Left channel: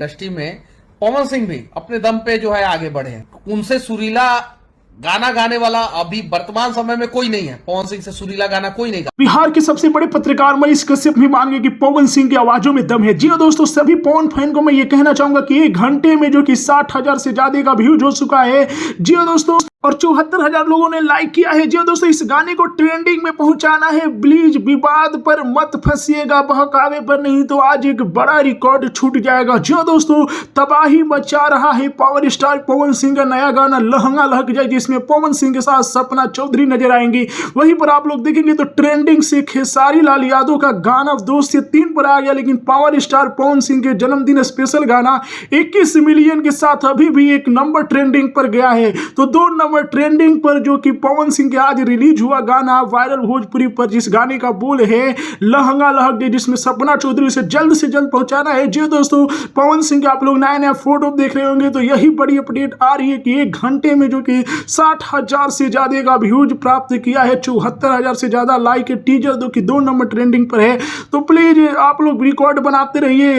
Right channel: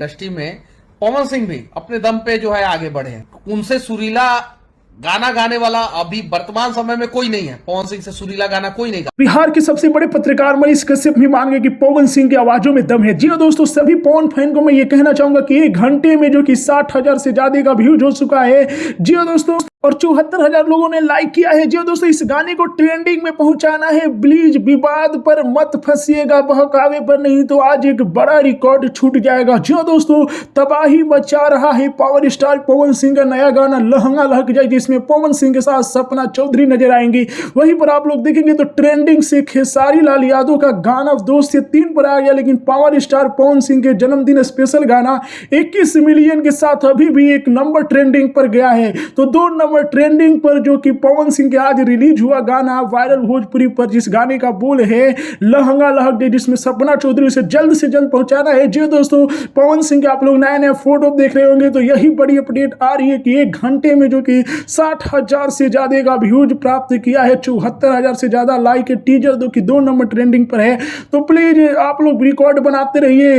Industry में पवन सिंह भी अपने दम पे जो है आगे बढ़े हैं। उनसे सुरीला गाना गाने वाला अभी वर्तमान समय में कोई नहीं है। पवन सिंह से सुरीला गाना कोई नहीं गा। बिहार के सबसे बड़े पत्रकार मनीष कश्यप भी मान गए कि पवन सिंह की आवाजों में दम है। जी हाँ दोस्तों, सभी पवन फैन को मैं ये कहना चाहूंगा कि 1 घंटे में जो कि 60,000 से ज्यादा का व्यूज हो चुका है। जी हाँ दोस्तों, और 74,000 लोगों ने लाइक किया है। जी हाँ दोस्तों, इस गाने को ट्रेंडिंग में पहुंचाना है। प्लीज विवाद पर मत फंसिएगा, बहकावे पर नहीं तो आज एक बड़ा रिकॉर्ड छूट जाएगा। जी हाँ दोस्तों, तबाही मचा रहा है पावर स्टार पवन सिंह का नया गाना लहंगा लहक जाए, जिसमें पवन सिंह के साथ सपना चौधरी नजर आएंगी। वहीं पर आप लोग देखेंगे तो ट्रेंडिंग से खेसारी लाल यादव का गाना 2 से 3 पर आ गया, लेकिन पावर स्टार पवन सिंह के जन्मदिन स्पेशल गाना 21 मिलियन के साथ अभी भी 1 नंबर ट्रेंडिंग पर गया है। तो 2 नंबर ट्रेंडिंग पर जो कि पवन सिंह के आज रिलीज हुआ गाना वायरल भोजपुरी पर, जिस गाने का बोल है लहंगा लहक दे, जिसमें सपना चौधरी से जल्द पहुंचाना है। जी दोस्तों, पवन सिंह के आप लोग नया फोटो देख रहे होंगे, तो यही बड़ी अपडेट आ रही है कि 1 घंटे में जो कि 60,000 से ज्यादा का व्यूज प्राप्त किया है, 74,000 से ज्यादा लाइक है। टीजर जो कि 2 नंबर ट्रेंडिंग पर है। तो प्लीज आप लोग रिकॉर्ड बनाते रहिए।